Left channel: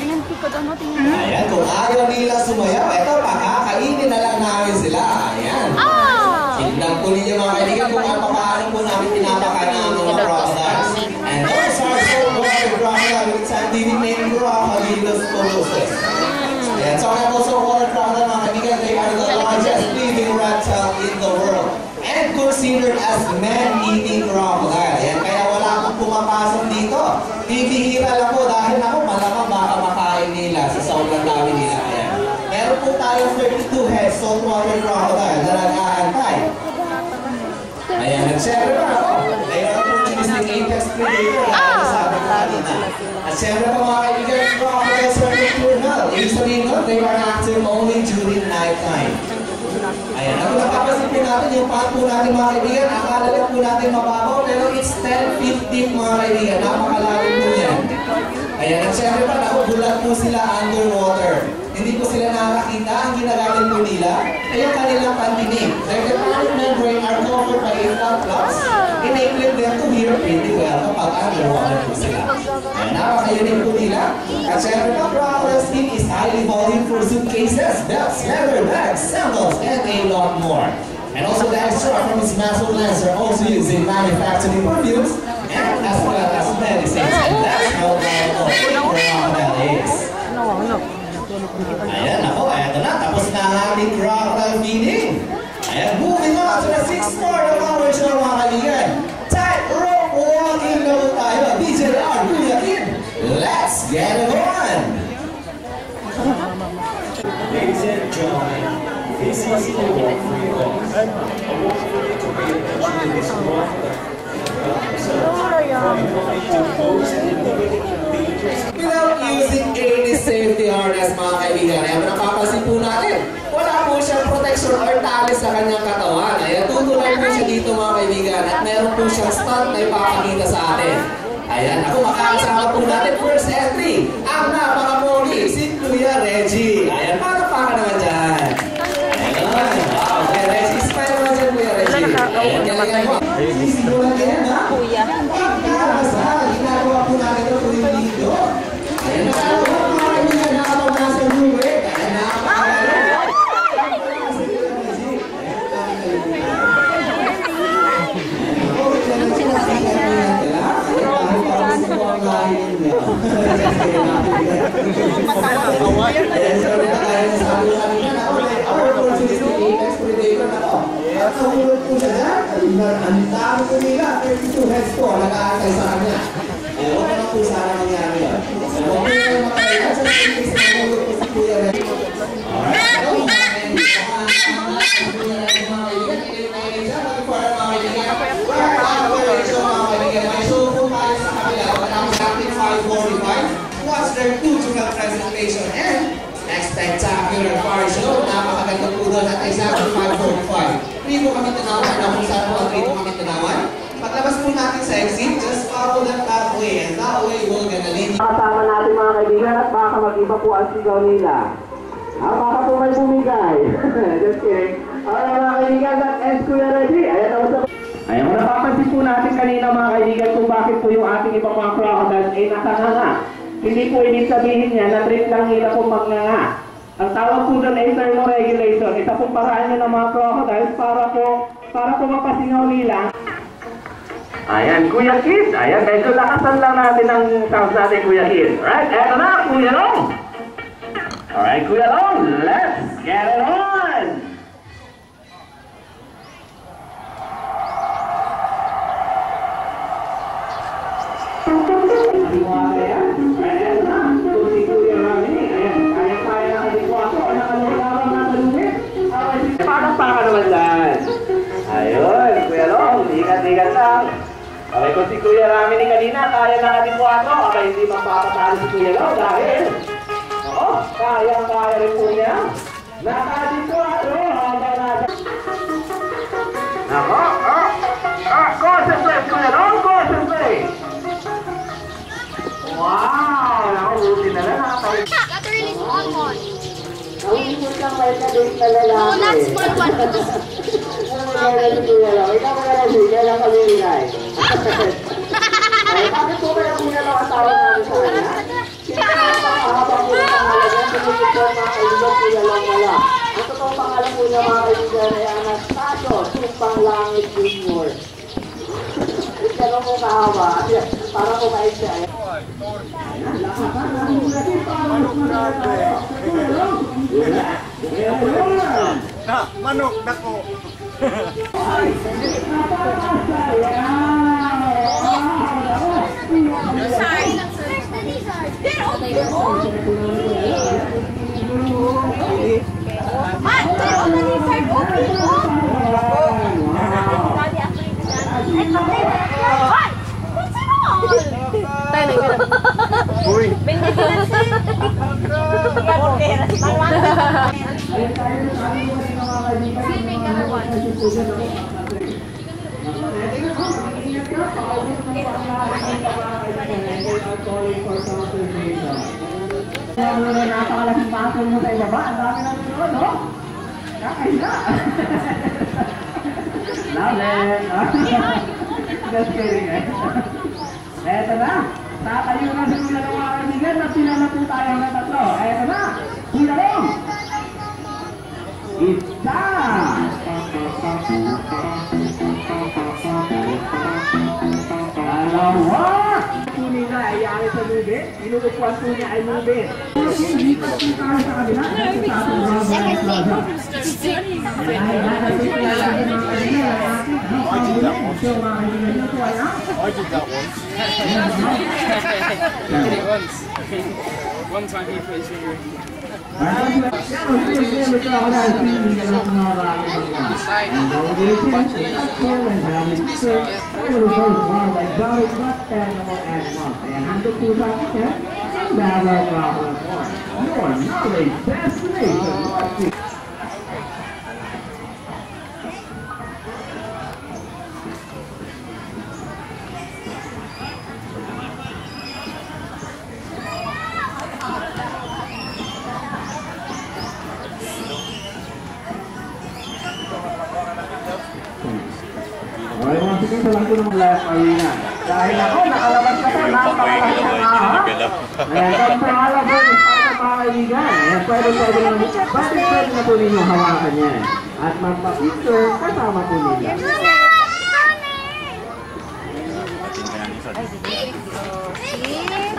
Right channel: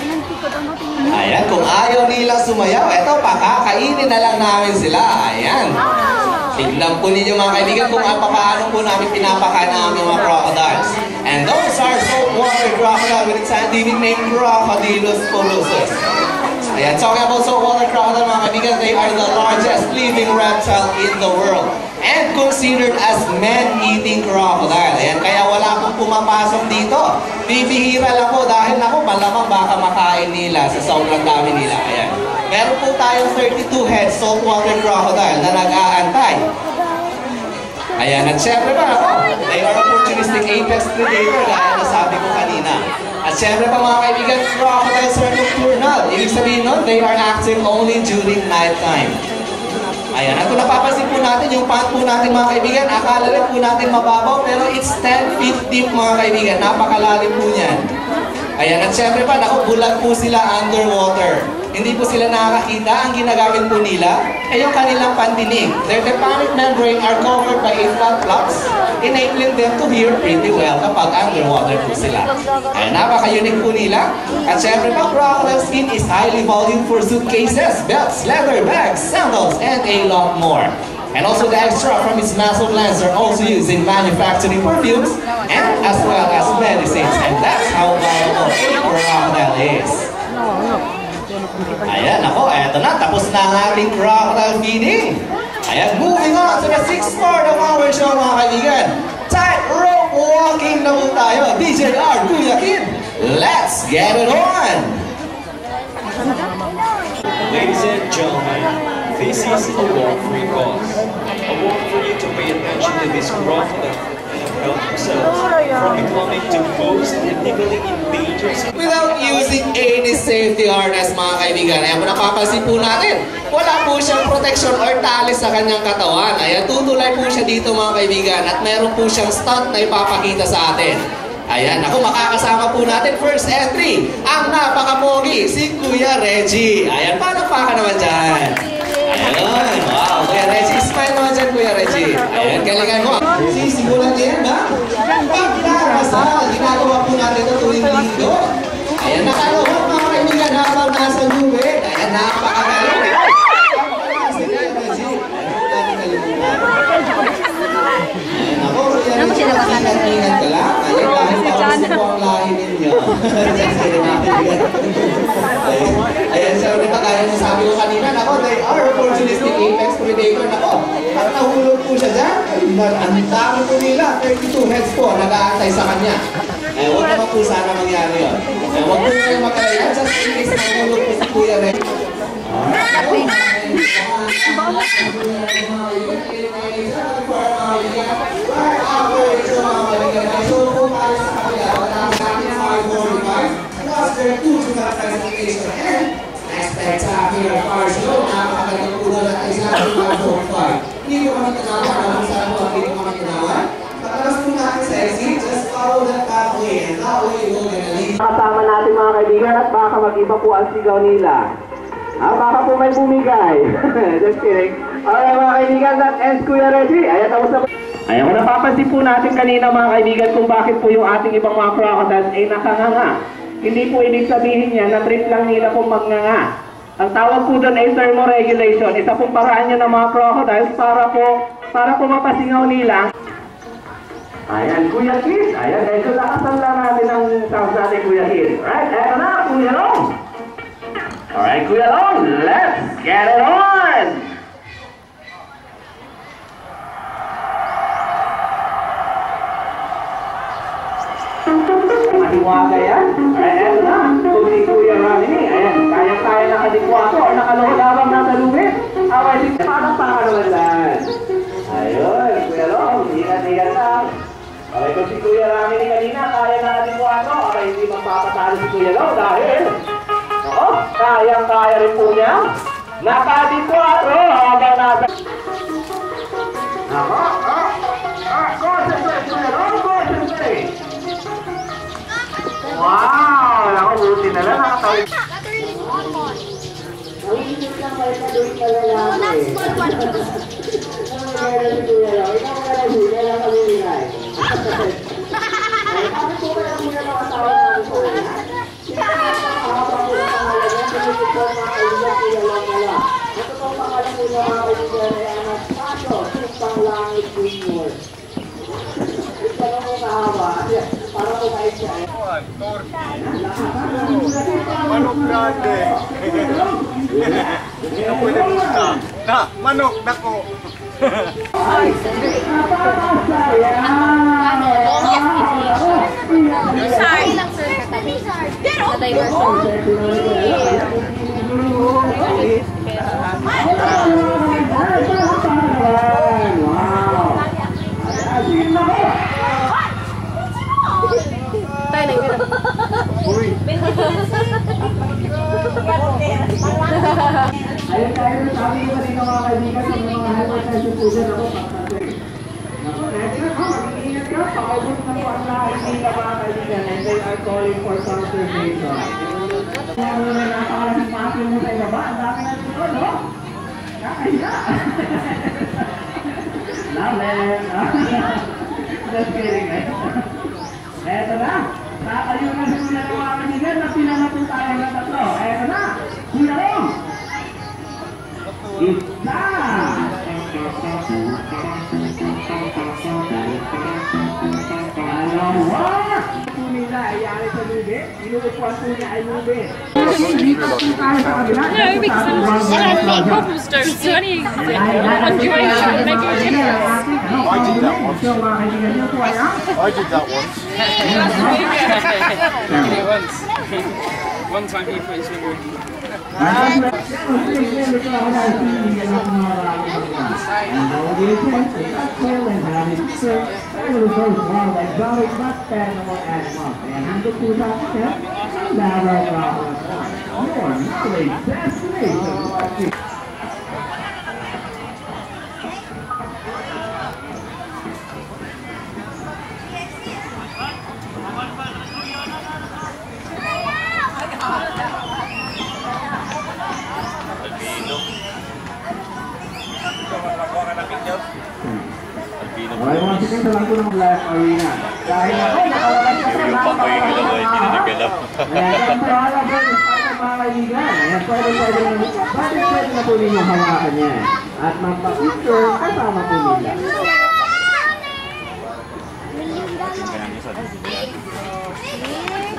Ayan, kung ayaw nila sumayaw, eto, pakakainin na lang namin sila. Ayan. Tignan po ninyo mga kaibigan kung paano po namin pinapakain ang aming mga crocodiles. And those are saltwater crocodile with its scientific name, Crocodylus polosus. Ayan, talking about saltwater crocodile mga kaibigan, they are the largest living reptile in the world. And considered as man-eating crocodile. Ayan, kaya wala pong pumapasok dito. Bibihira lang po dahil ako malamang baka makain nila sa sobrang dami nila. Ayan. Meron po tayong 32 head saltwater crocodile na nag-aantay. Ayan, at syempre pa ako, they are opportunistic apex predator na nasabi ko kanina. At syempre pa mga kaibigan, crocodiles are nocturnal. Ibig sabihin nun, they are active only during nighttime. Ayan, at kung napapansin po natin, yung pant po natin mga kaibigan, akala rin po natin mababaw, pero it's 10 feet deep mga kaibigan, napakalalim po niyan. Ayan, at syempre pa, bulag po sila underwater. Hindi po sila nakakita, ang ginagamit po nila ay yung kanilang pandinig. Their tympanic membrane are covered by inflant flaps, enabling them to hear pretty well kapag underwater po sila. Ayan, napaka-unique po nila. At syempre pa, crocodile skin is highly valued for suitcases, belts, leather bags, sandals, and a lot more. And also the extra from its muscle glands are also used in manufacturing perfumes and as well as medicines. And that's how valuable crocodile is. Ayan, ako, eto na, tapos na ang ating crocodile feeding. Ayan, moving on to the 6th part of our show mga kaibigan. Tightrope walking na po tayo. DJR, Kuya Kid, let's get it on! Ladies and gentlemen, this is a walk-free cause. A walk for you to pay attention to this crocodile and help yourself from becoming the most ethically endangered. Without using any safety harness mga kaibigan, ayan, napapansin po natin, wala po siyang protection or tali sa kanyang katawan. Ayan, tutulay po siya dito mga kaibigan at meron po siyang stunt na ipapakita sa atin. Ayan, ako makakasama po natin first entry, ang napakapogi, si Kuya Reggie. Ayan, paano pa ka naman dyan? Ayan, wow, Kuya Reggie, smile naman dyan Kuya Reggie. Ayan, galingan mo. Sisimulan din, ha? Pagkakasal, ginagawa po natin ito tuwing linggo. Ayan, nakalawa mga kaibigan, habang nasa luwe. Ayan, napakagaling. Si Kuya Reggie, ayan, natin kalimutan. Ayan, ako, Kuya Reggie, ingat-ingat ka lang. Ayan, dahil parang po ang lahi ninyo. Ayan, sabi na kaya nasabi ko kanina, ako, they are opportunistic apex predator na ko. At nahulog po siya dyan. Ang dami po nila, 32 heads po, nag-aantay sa kanya. Eh, huwag naman po sana mangyari yun. Eh, huwag po kayo makaya, just in case nahulog po si Kuya Reggie. Alright, so, what's their two-to-one presentation and next spectacular car show, napakaganda po doon at ay sa 545. Hindi po kami tanawan na kung saan po ang dito kami tanawan. Pagkabas po natin sa exit, just follow that pathway and that way we'll get a lead. Kasama natin mga kaibigan at baka mag-iba po ang sigaw nila. Baka po may bumigay. Just kidding. Alright mga kaibigan, that ends Kuya Reggie. Ayan, tapos na po. Ayan, kung napapansin po natin kanina mga kaibigan kung bakit po yung ating ibang mga crocodiles ay nakanganga. Hindi po ibig sabihin niya na trip lang nila po magnganga. Ang tawag po doon ay thermoregulation. Isa pong paraan niya ng mga crocodiles para po mapasingaw nila. Ayan, Kuya Kid. Ayan, dahil so lakasan lang natin ang sounds natin, Kuya Kid. Alright, eto na, Kuya Long. Alright, Kuya Long, let's get it on! Matiwaga yan. Ayan na. Kung si Kuya Rami, ayan, kaya-kaya nakadikwato o nakaluhulabang natalungit. Okay, parang pa ka naman dyan. Ayun, Kuya Long, ingat-ingat lang. Okay, kung si Kuya Rami ni kanina, kaya nakadikwato, okay, hindi magpapatalo si Kuya Long dahil, ako, kayang-kaya rin po niya. Nakadikwato, habang nasa... Ako, concentrate, Kuya Long, concentrate. Wow! Naku, buti na lang nakatawid. Catherine is on one. Ang lang kayo na doon ka lalaki. No, not small one. Ang maganda si Kuya Long. Ikaw maganda si Kuya Long kami nilay. Bakit po kaya Kuya Long asawa namin sa kanya? Sino ang uniform mga kaibigan, kilalang wala. Ang totoong pangalan po niya mga kaibigan ay Anastasio Tumpang Langit Jr. Yung tanong mo kahawa, para mo kahit siya. Manok dako. Napakalaking pasin mo sa ibaba, ang dami na dito, no? Kakahiya! Lamin! Just kidding, eh? Eto na! Tatayo na sila ng mga kanigan na pinala po tayo ng tatlo. Eto na! Kularong! Isa! Dalawa! Po nila ay ari sa nube. Inuupuan po niya ay nube. I did that once. One time he put his finger in. Okay, mga sikong sa lang po ng left arena. Dahil ako, nakalabas ka sa napakalakas na ahas. Ayan, kung pangalan po, sa mga kaibigan. Ayan, pwede na po ninyong hawakan yan. At magpa-picture kasama po nila.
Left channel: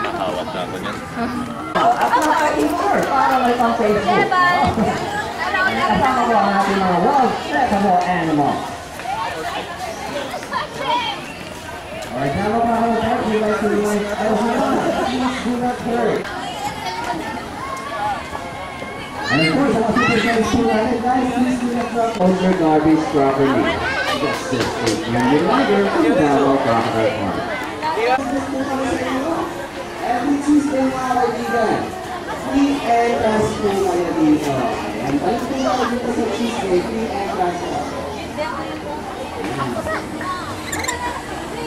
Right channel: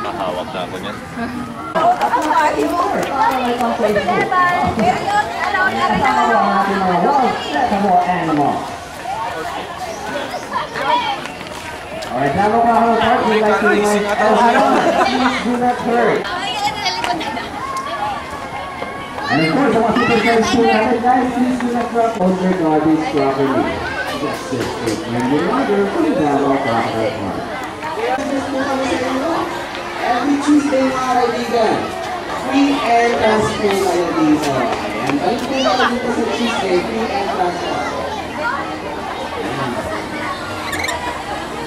Mahawak na ako niyan. At mga Timor, para may pang-Facebook. Kasama po ang ating mga well-settable animal. Alright, now we're going to start. We'd like to please do not hurt. And of course, I want you to guys do that. Guys, please do not drop all your garbage properly. Just this week. And you're under from Davao Crocodile Park. Every Tuesday, mga kaibigan, free entrance po kayo dito. Ayan, balik po kayo dito sa Tuesday, free entrance po.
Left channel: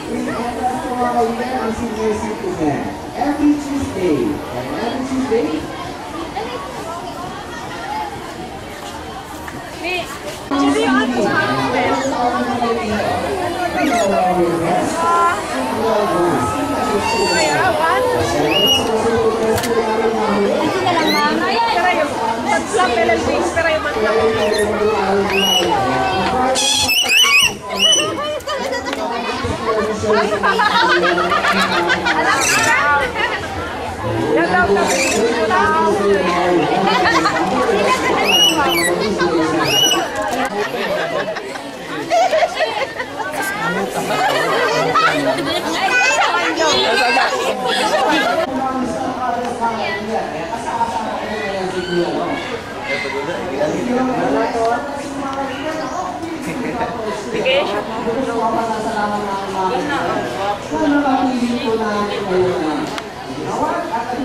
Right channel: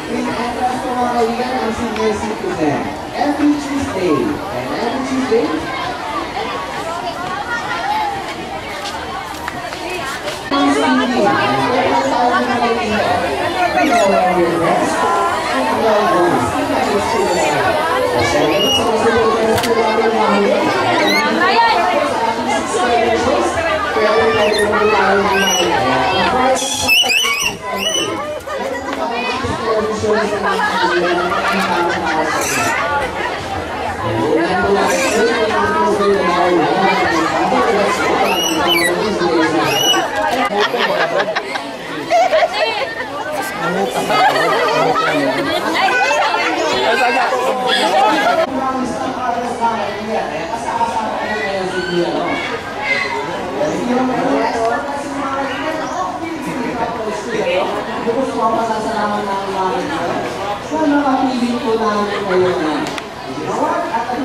Free entrance po mga kaibigan ang senior citizen. Every Tuesday. And every Tuesday, sana mapili po namin kayo na ginawan at ang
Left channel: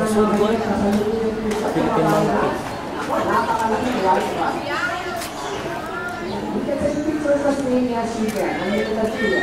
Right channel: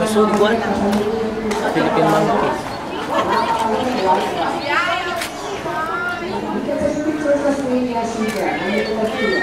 Masugod. Philippine monkey. Australia Seagram, ang ito tagpila.